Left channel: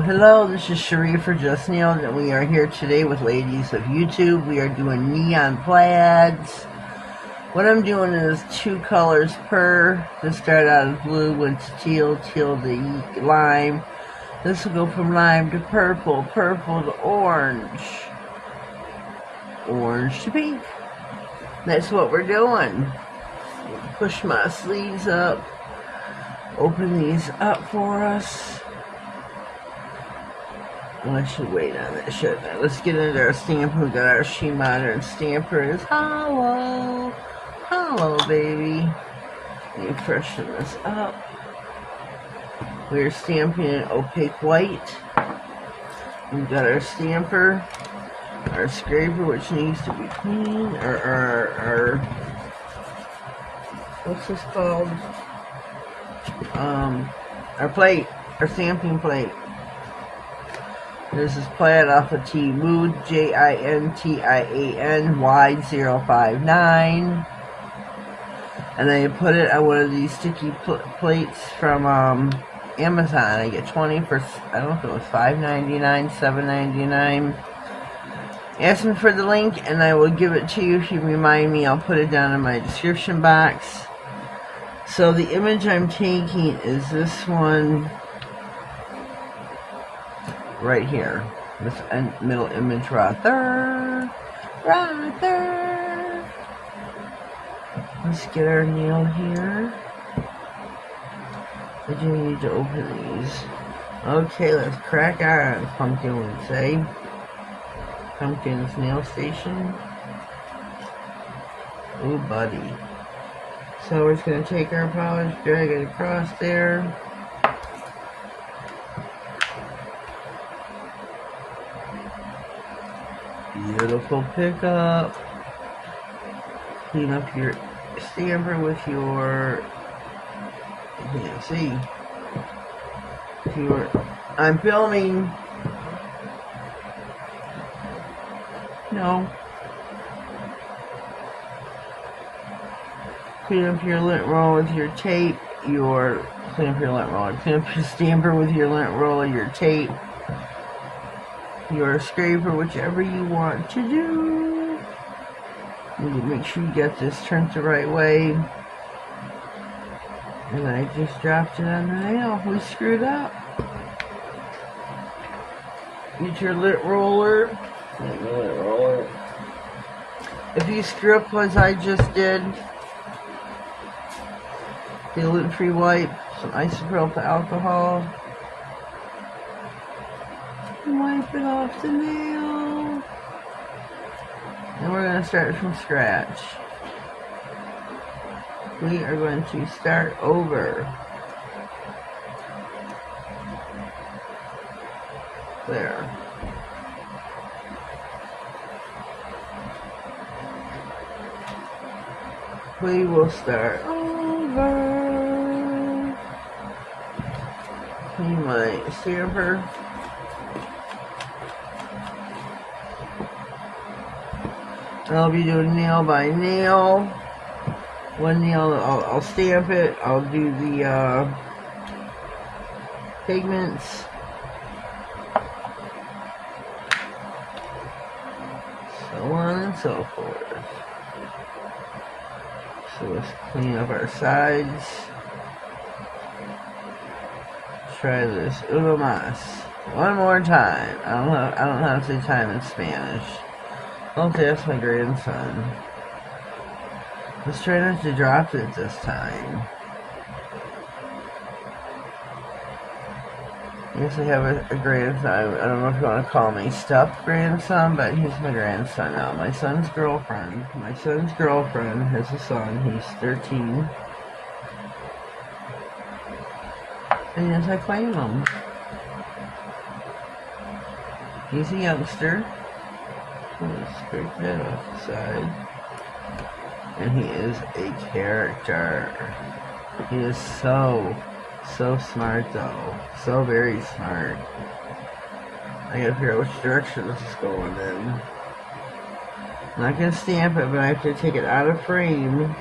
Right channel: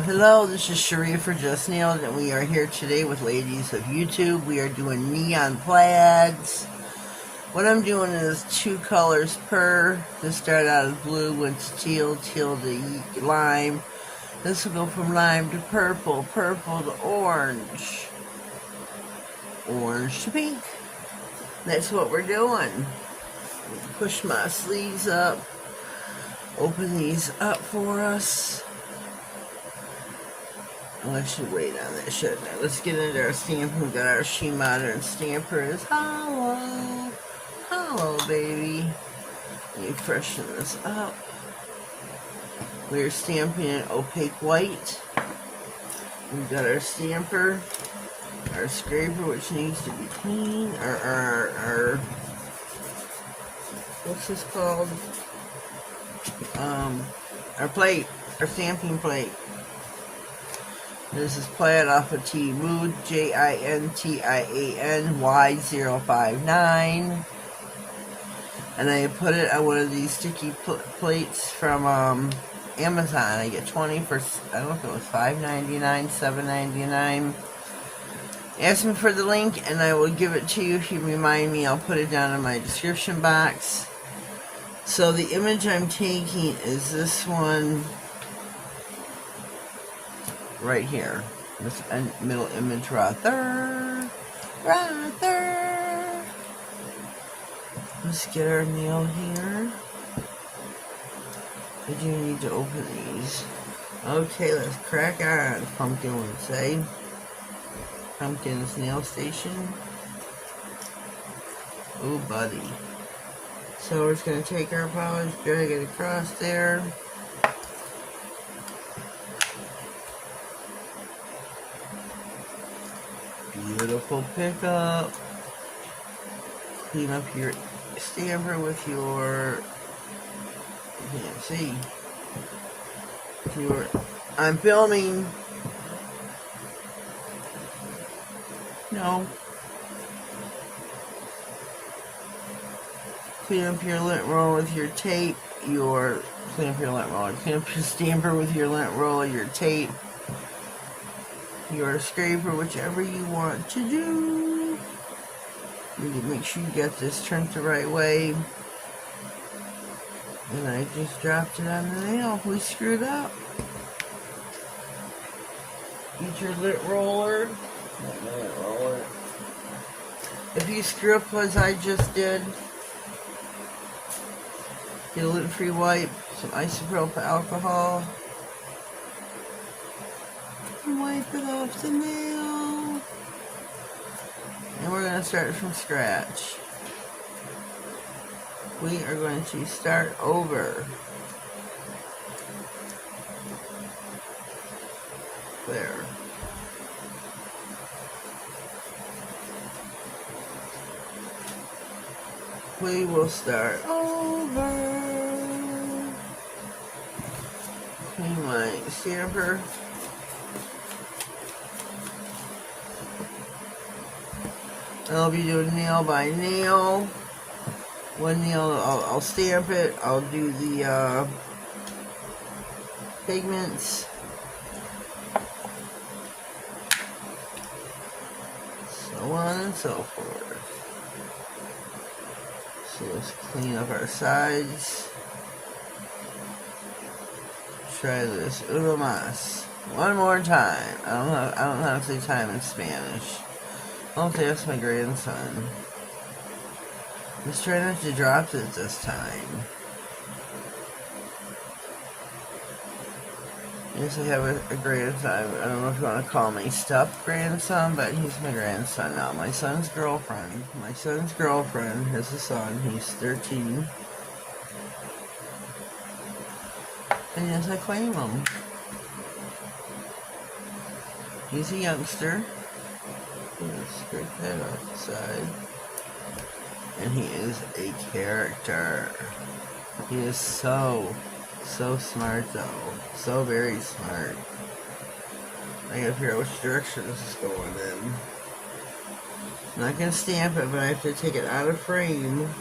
Hello, this is Sheree for Justnailedit, and we are here today with ladies of YouTube. We are doing Neon Plaids. What I'm doing is 2 colors per. This started out as blue, went to teal, teal to lime. This will go from lime to purple, purple to orange, orange to pink. That's what we're doing. Push my sleeves up, open these up for us. Well, I should wait on that, shouldn't I? Let's get into our stamper. We got our She Modern stamper is hollow. Hollow, baby. Let me freshen this up. We're stamping in opaque white. We've got our stamper, our scraper, which needs to be clean. Our what's this called? Our plate, our stamping plate. This is Plaid off of Mood, JINTIANY059. And I put it on one of these sticky plates from Amazon. I get 20 for, I don't know if it was $5.99, $7.99. Ask me for the link and I will give it to you. If you remind me, I'll put it down in my description box. So the image I'm taking is this one right here. This middle image right there. Right there. Let's get our nail here. I do need to open these. Okay, let's crack on. Pumpkin would say. Pumpkin's nail station. Oh, buddy. So we're just going to take our polish, drag it across there. Beautiful pickup. Clean up your stamper with your, you can't see, I'm filming. No. Clean up your lint roll with your tape, clean up your stamper with your lint roll, your tape, your scraper, whichever you want to do. And make sure you get this turned the right way. And I just dropped it on the nail. We screwed up. Get your lint roller. If you screw up as I just did, get a lint-free wipe, some isopropyl alcohol, and wipe it off the nail. And we're going to start from scratch. We are going to start over. There. We will start over. Clean my stamper. I'll be doing nail by nail. One nail, I'll stamp it. I'll do the pigments. So on and so forth. So let's clean up our sides. Try this uno más. One more time. I don't know how to say time in Spanish. I'll have to ask my grandson. Let's try not to drop it this time. I guess I have a grandson. I don't know if you want to call me stuffed grandson, but he's my grandson now. My son's girlfriend. My son's girlfriend has a son. He's 13. And yes, I claim him. He's a youngster. Let's scrape that off the side. And he is a character. He is so smart though. So very smart. I gotta figure out which direction this is going in. I'm not gonna stamp it, but I have to take it out of frame.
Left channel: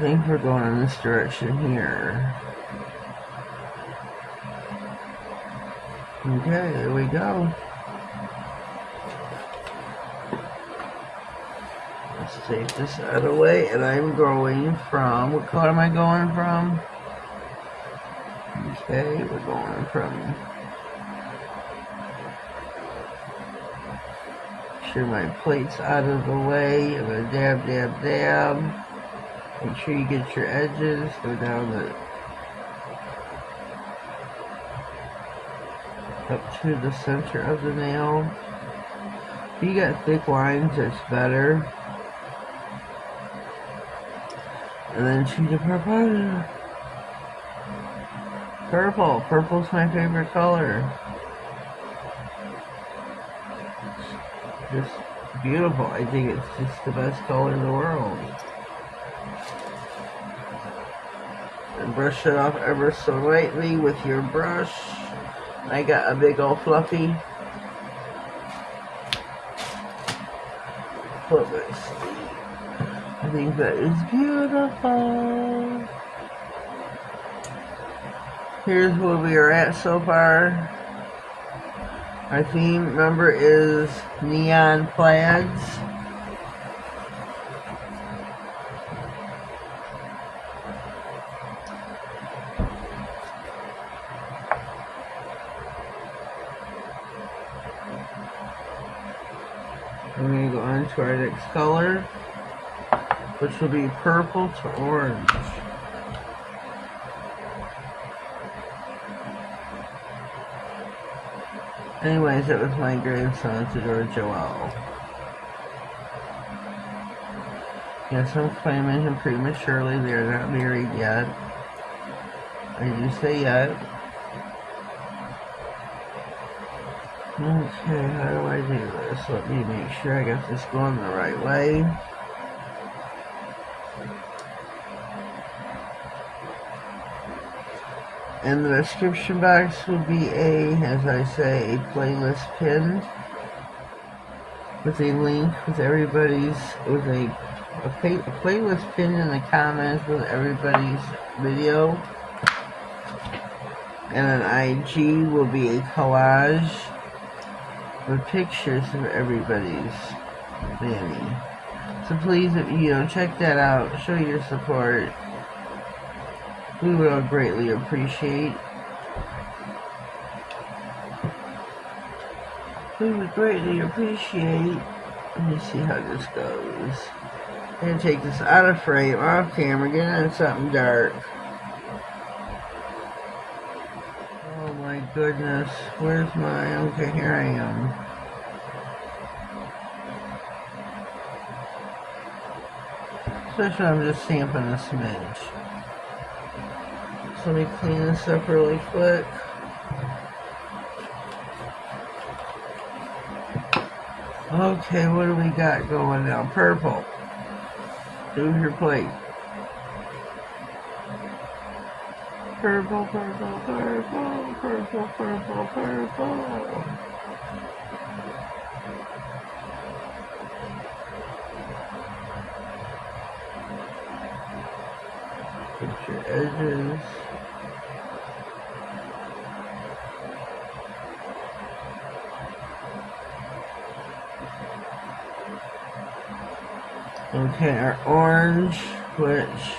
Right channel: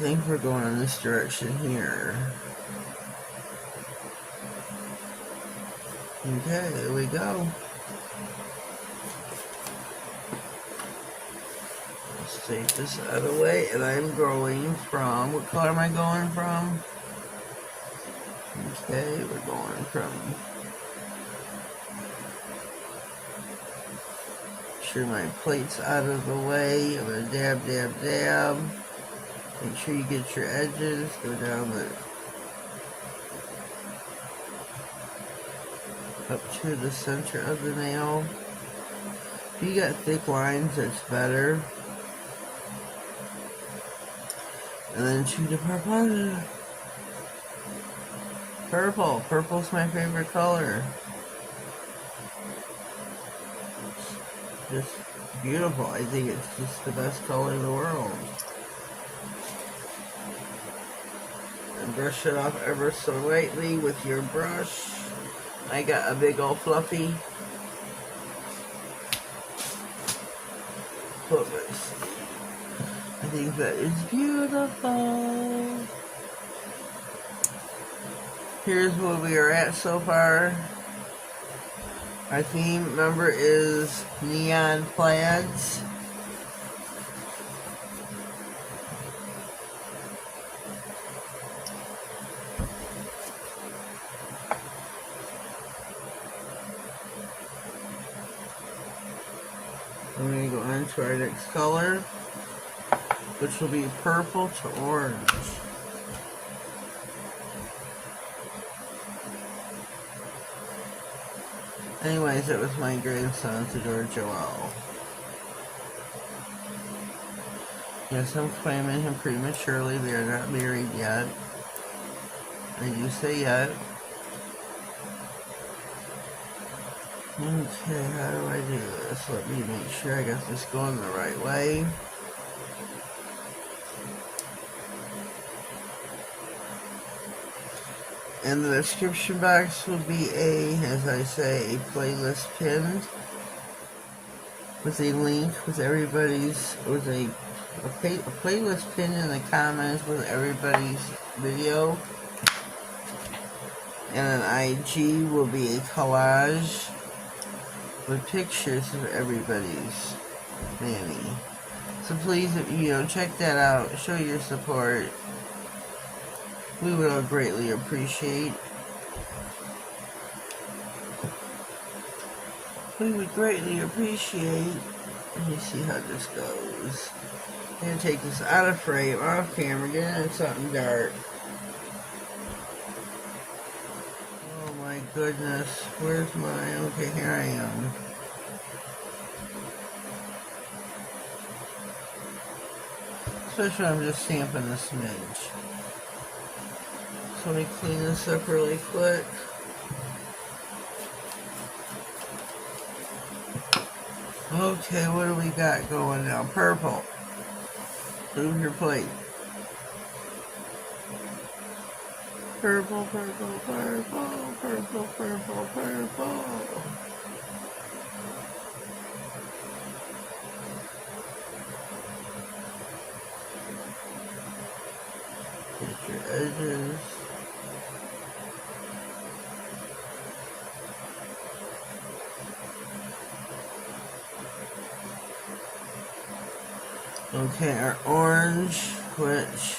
think we're going in this direction here. Okay, there we go. Let's take this out of the way, and I'm going from, what color am I going from? Okay, we're going from, sure my plate's out of the way. I'm gonna dab, dab, dab. Make sure you get your edges, go down up to the center of the nail. If you got thick lines, it's better. And then choose the purple. Purple's my favorite color. It's beautiful. I think it's just the best color in the world. And brush it off ever so lightly with your brush. I got a big old fluffy. Put my sleeve. I think that is beautiful. Here's where we are at so far. Our theme, remember, is Neon Plaids. We're going to go on to our next color, which will be purple to orange. Anyways, it was my grandson, Theodore Joel. Yes, I'm claiming him prematurely. They're not married yet. I do say yet. Okay, how do I do this? Let me make sure I got this going the right way. In the description box will be as I say, a playlist pinned with a link with everybody's, with a playlist pinned in the comments with everybody's video. And an IG will be a collage with pictures of everybody's Manny. So please, if you check that out, show your support. We will greatly appreciate. We would greatly appreciate. Let me see how this goes. I'm gonna take this out of frame, off camera, get into something dark. Oh my goodness, where's my, okay, here I am. Especially when I'm just stamping a smidge. So let me clean this up really quick. Okay, what do we got going now? Purple. Do your plate. Purple, purple, purple, purple, purple, purple. Get your edges. Okay, our orange, which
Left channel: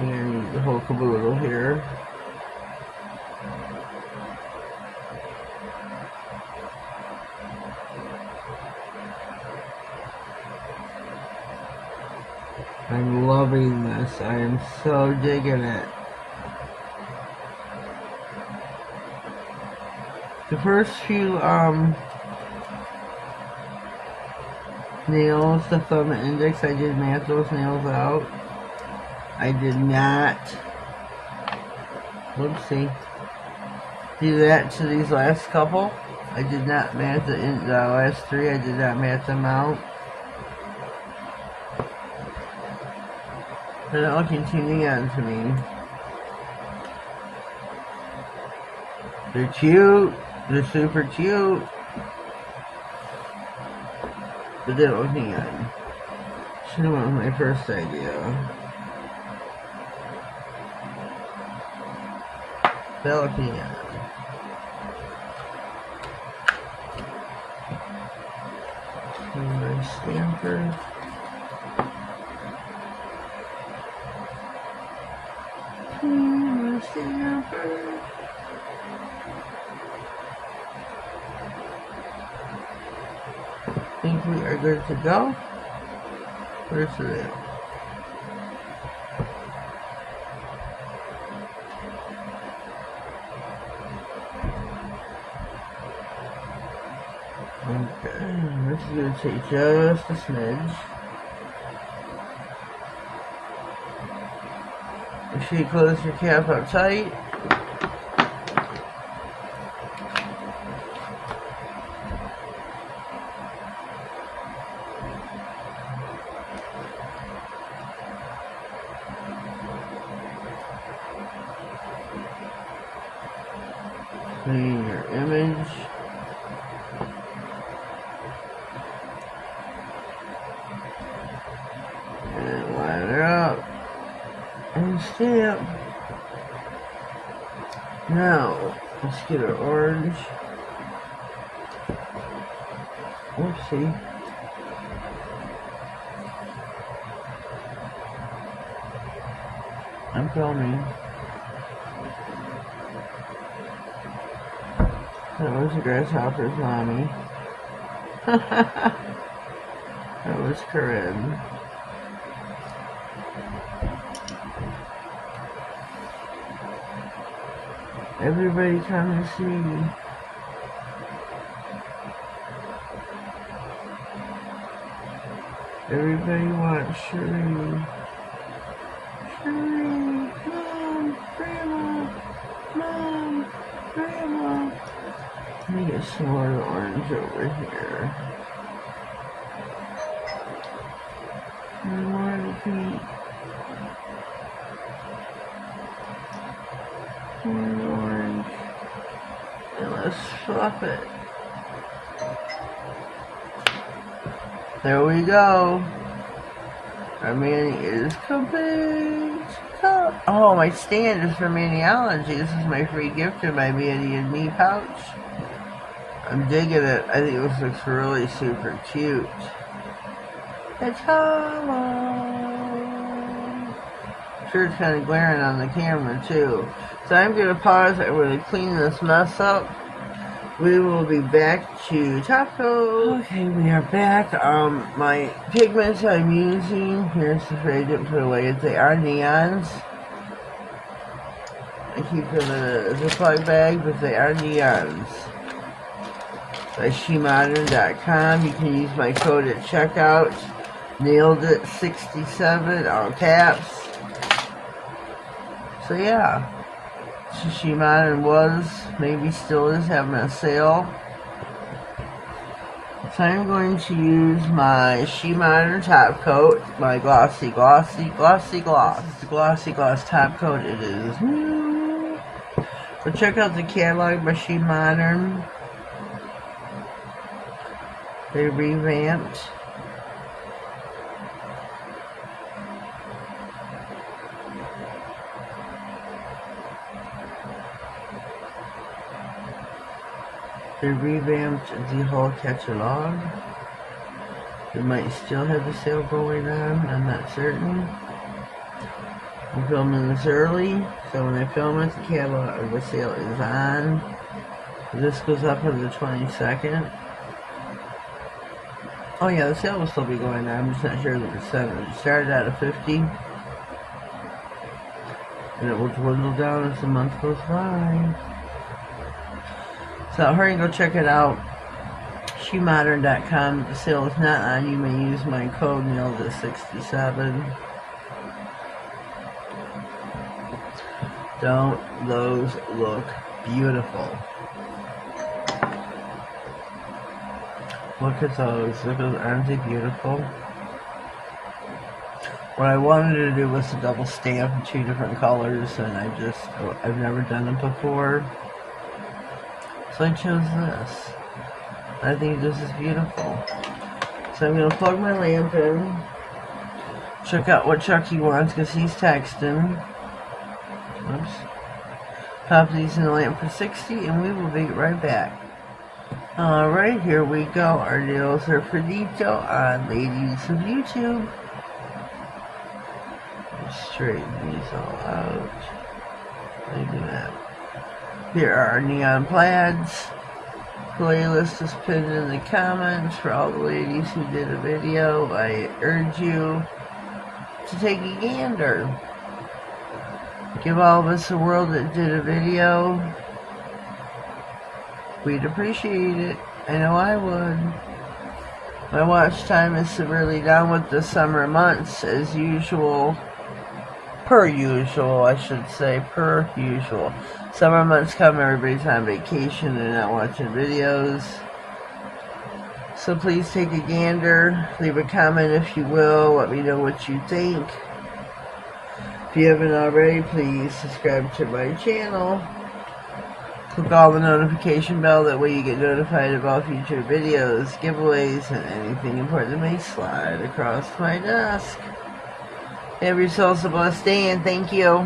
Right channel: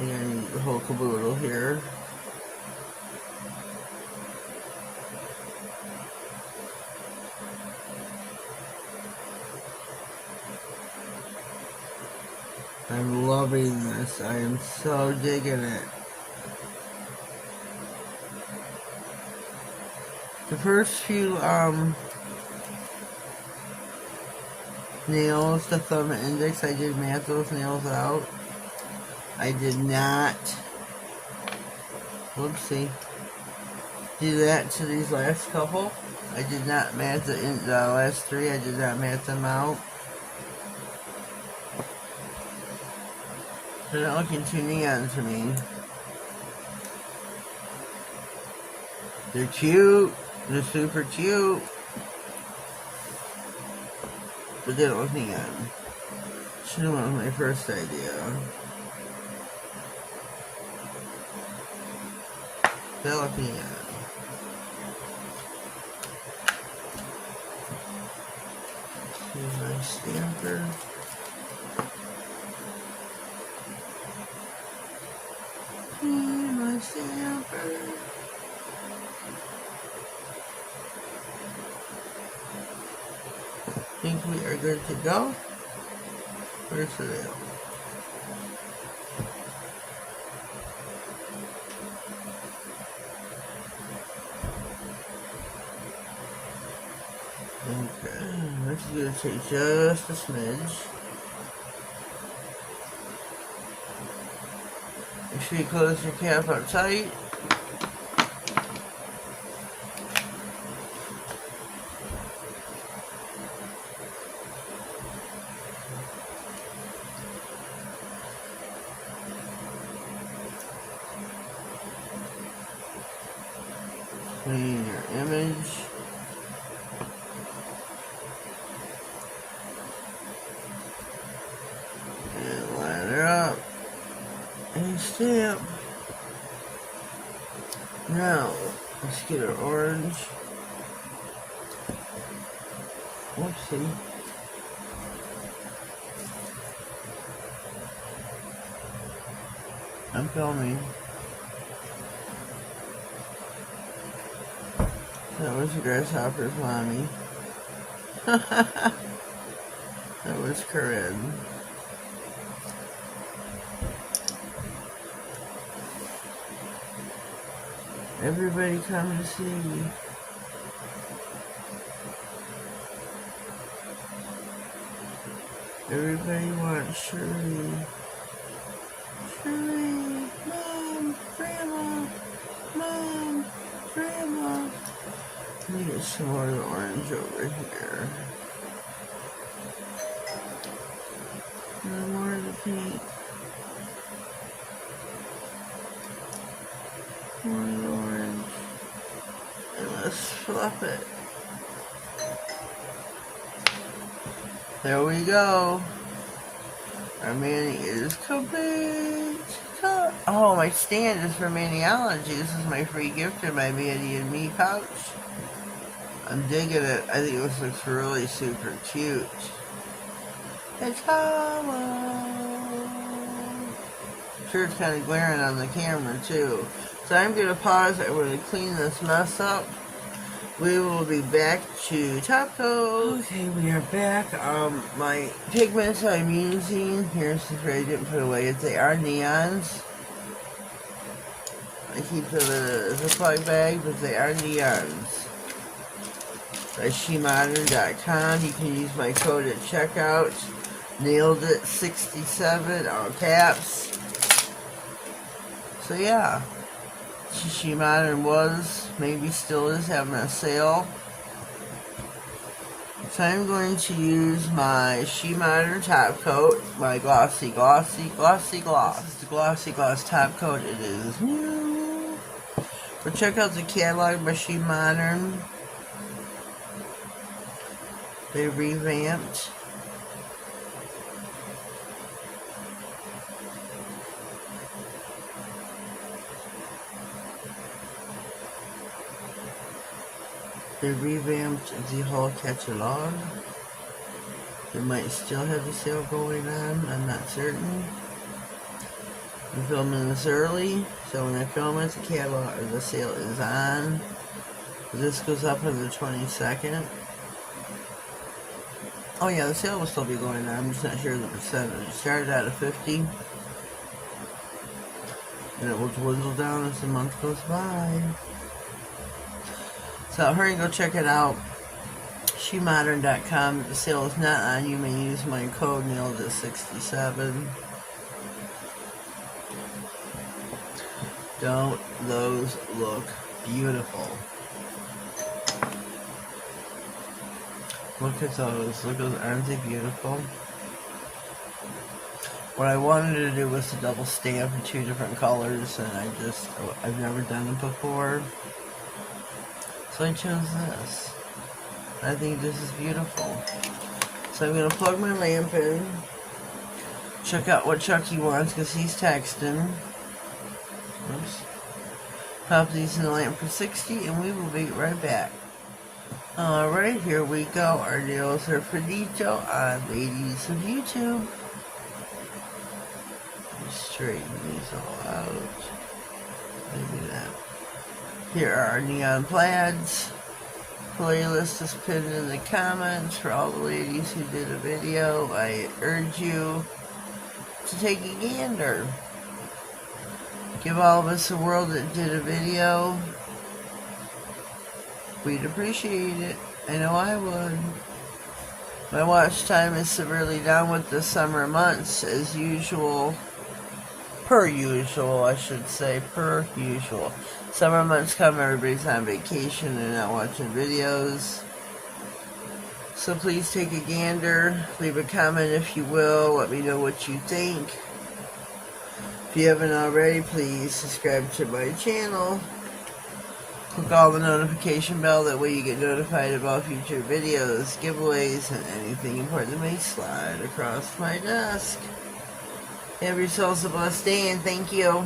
you're gonna need the whole caboodle here. I'm loving this. I am so digging it. The first few nails, the thumb and index, I did math those nails out. I did not, whoopsie, do that to these last couple. I did not math the last three, I did not math them out. They're not looking on to me. They're cute, they're super cute. But they don't look neon. Should have went with my first idea. Balcony. Stamper. Stamper. Think we are good to go. Where's the nail? Okay, this is going to take just a smidge. Make sure you close your cap up tight. Clean your image. And line her up. And stamp. Now, let's get our orange. Whoopsie. I'm filming. That was a grasshopper's mommy. That was Corinne. Everybody come and see. Everybody wants Cherie. Cherie, Mom, Grandma, Mom, Grandma. Let me get some more orange over here. And more of the pink. More of the orange. And let's swap it. There we go. Our mani is complete. Oh, my stand is for Maniology. This is my free gift in my Manny and Me pouch. I'm digging it. I think this looks really super cute. It's hollow. Sure, it's kind of glaring on the camera too. So I'm going to pause. I'm going to clean this mess up. We will be back to top coat. Okay, we are back. My pigments I'm using, here's the tray I didn't put away. They are neons. I keep it in a Ziploc bag, but they are neons. By Justnailedit.com. You can use my code at checkout. Nailedit 67, all caps. So yeah. Justnailedit was, maybe still is, having a sale. So I'm going to use my Justnailedit top coat, my glossy gloss. This is the glossy gloss top coat. It is new. But check out the catalog by Justnailedit. They revamped. They revamped the whole catalog. They might still have the sale going on, I'm not certain. I'm filming this early, so when I film it, the catalog or the sale is on. This goes up on the 22nd. Oh yeah, the sale will still be going on, I'm just not sure the percentage. It started out at 50. And it will dwindle down as the month goes by. So hurry and go check it out. Justnailedit.com. The sale is not on. You may use my code Nailedit67. Don't those look beautiful? Look at those. Look at those. Aren't they beautiful? What I wanted to do was to double stamp in 2 different colors, and I've never done it before. So I chose this. I think this is beautiful. So I'm going to plug my lamp in. check out what Chucky wants because he's texting. Oops. Pop these in the lamp for 60 and we will be right back. Alright, here we go. Our nails are finito on ladies of YouTube. Straighten these all out. Maybe not. Here are our Neon Plaids. Playlist is pinned in the comments for all the ladies who did a video. I urge you to take a gander. Give all of us a world that did a video. We'd appreciate it. I know I would. My watch time is severely down with the summer months as usual. Per usual, I should say. Per usual. Summer months come, everybody's on vacation and not watching videos. So please take a gander. Leave a comment if you will. Let me know what you think. If you haven't already, please subscribe to my channel. Click all the notification bell, that way you get notified about future videos, giveaways, and anything important that may slide across my desk. Have yourselves a blessed day, and thank you.